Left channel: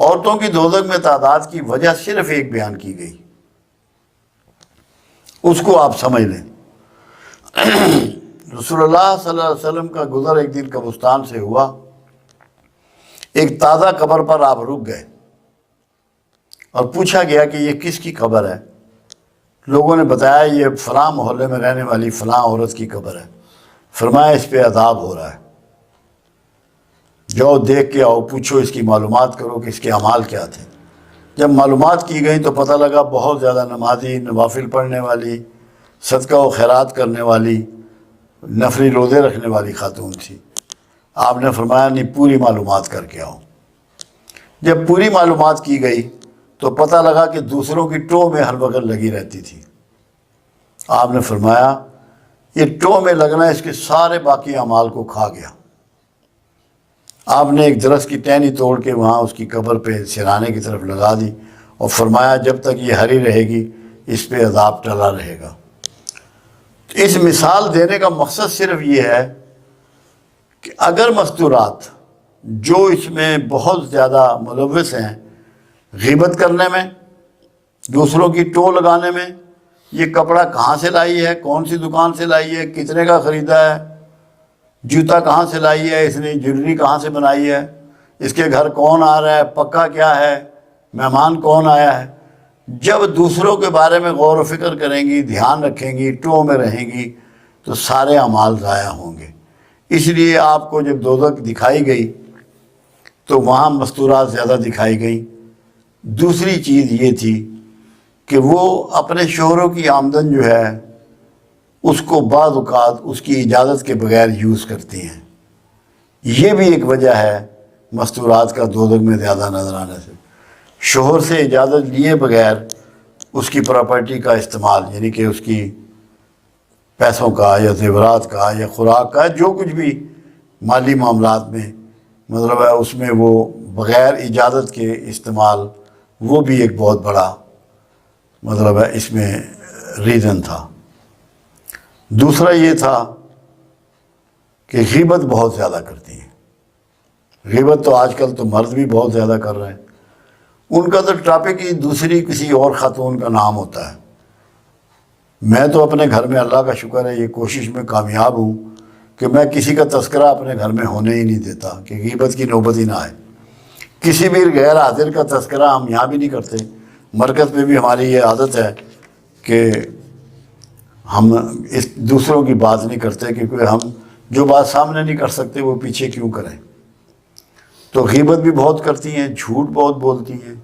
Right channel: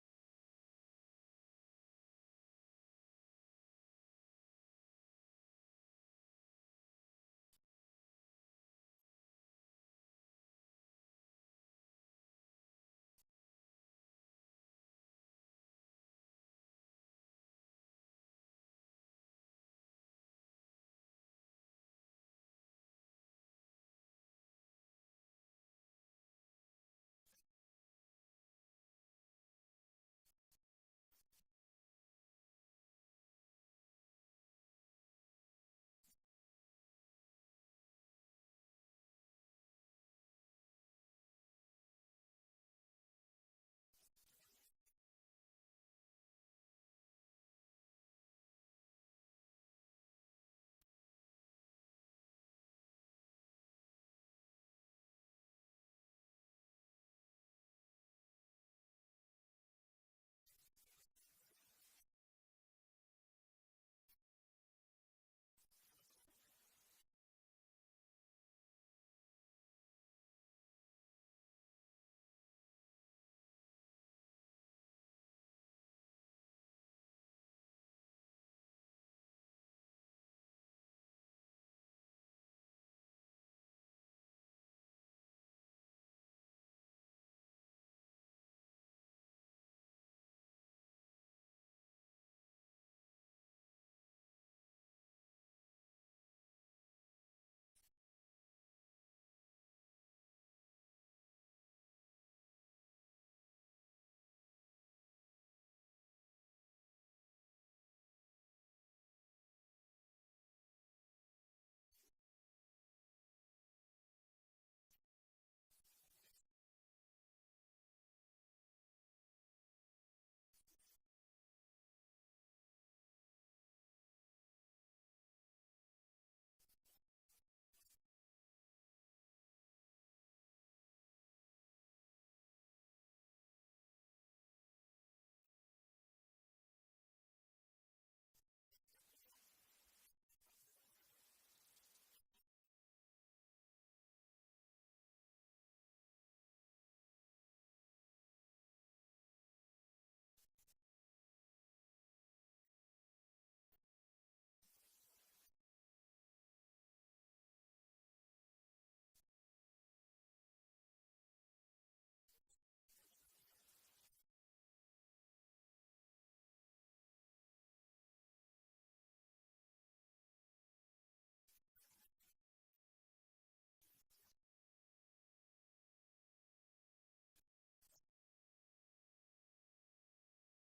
عورتوں کی دوزخ میں تعداد کی وجہ صرف ایک بیان کی گئی، اس کو آپ سمجھ لیں۔ رسول اللہ صلی اللہ علیہ وسلم کا گزر ایک دن قبرستان سے ہوا، ایک تازہ قبر پر آپ رک گئے اور پوچھا گیا کہ یہ کس کی قبر ہے؟ لوگوں نے بتایا یہ فلاں محلے میں رہنے والی فلاں عورت کی قبر ہے۔ فرمایا اس پہ عذاب ہو رہا ہے، جاؤ دیکھ کے آؤ، پوچھو اس کی معلومات کرو کہ اس کے اعمال کیا تھے۔ جب معلومات کی گئیں تو پتہ لگا بہت زیادہ نمازی، نوافل پڑھنے والی، صدقہ و خیرات کرنے والی، نفلی روزے رکھنے والی خاتون تھی۔ آپ نے فرمایا نہیں، پوری معلومات کر کے آؤ۔ جب پوری معلومات کی گئی تو پتہ لگا کہ دوسروں کی ٹو میں ہر وقت لگی رہتی تھی۔ آپ نے فرمایا یہ ٹو میں لگنا اس کے سارے باقی اعمال کو کھا گیا۔ آپ نے ایک درخت کی ٹہنی توڑ کے وہاں اس کی قبر پہ سرانے کی طرف لگا دی اور فرمایا جب تک یہ ہری رہے گی اس پہ عذاب ٹلا رہے گا۔ اس مثال دینے کا مقصد صرف یہ ہے کہ اگر مستورات جو اس میں بہت زیادہ ملوث ہیں، غیبت کرنے میں، دوسروں کی ٹو لگانے میں، یہ کپڑا کہاں سے لائی ہے، کون سی دکان سے لائی ہے، کتنے کا خریدا ہے، جوتا کہاں سے لائی ہے اس نے، جویلری کہاں سے بنائی ہے، اس کے گھر کون آ رہا ہے، پکا کیا ہے، مہمان کون آیا ہے، جب دوسروں کے بارے میں غور و فکر کریں گی، دھیان رکھیں گی، ٹو میں رہیں گی تو سارے اعمال ضائع ہوں گے۔ اس لیے آپ کو جب دوزخ دکھائی گئی تو وہاں مستورات زیادہ دکھائی گئی۔ دوسری چیز یہ تھی کہ وہ اپنے شوہروں کی آمدن جو ہے اس کو بعض اوقات اس کی اجازت کے بغیر یوز کرتی ہیں۔ یہ بھی ایک وجہ ہے مستورات کا دوزخ میں زیادہ نظر آنے سے۔ شوہر سے اجازت لیے بغیر اس کی پراپرٹی کا استعمال، یعنی کہ اس کی پیسوں کا یا زیورات کا یا خوراک کا، جو کچھ بھی مالی معاملات میں مطلب ہے اس میں وہ بغیر اجازت کے استعمال، وہ بھی ایک بہت بڑا مطلب ہے اس میں ریزن تھا۔ دوسرا یہ تھا کہ غیبت بہت زیادہ کرتی ہیں۔ غیبت تو آج کل تو مرد بھی بہت زیادہ کر رہے ہیں۔ ان کا تو ٹاپک ہی دوسری کسی اور خاتون کا نام ہوتا ہے۔ میں تو اپنے گھر میں اللہ کا شکر ہے یہ کوشش میں کامیاب ہوں کہ میں کسی کا تذکرہ اپنے گھر میں ہونے ہی نہیں دیتا کہ غیبت کی نوبت ہی نہ آئے۔ کسی بھی غیر حاضر کا تذکرہ ہم یہاں بھی نہیں کرتے، مرکز میں بھی ہماری یہ عادت ہے کہ ہم اس دوسروں کی بات نہیں کرتے، کیونکہ ہم جو بات سامنے نہیں کر سکتے وہ پیچھے کیوں کریں۔ تو غیبت بھی بہت کرتی ہیں، جھوٹ بہت بولتی ہیں،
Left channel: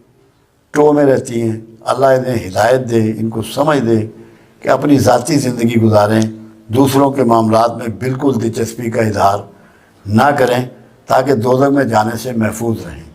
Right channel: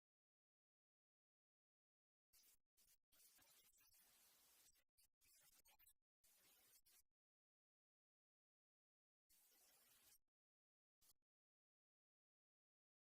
ٹو میں رہتی ہیں۔ اللہ انہیں ہدایت دے، ان کو سمجھ دے کہ اپنی ذاتی زندگی گزاریں، دوسروں کے معاملات میں بالکل دلچسپی کا اظہار نہ کریں تاکہ دوزخ میں جانے سے محفوظ رہیں۔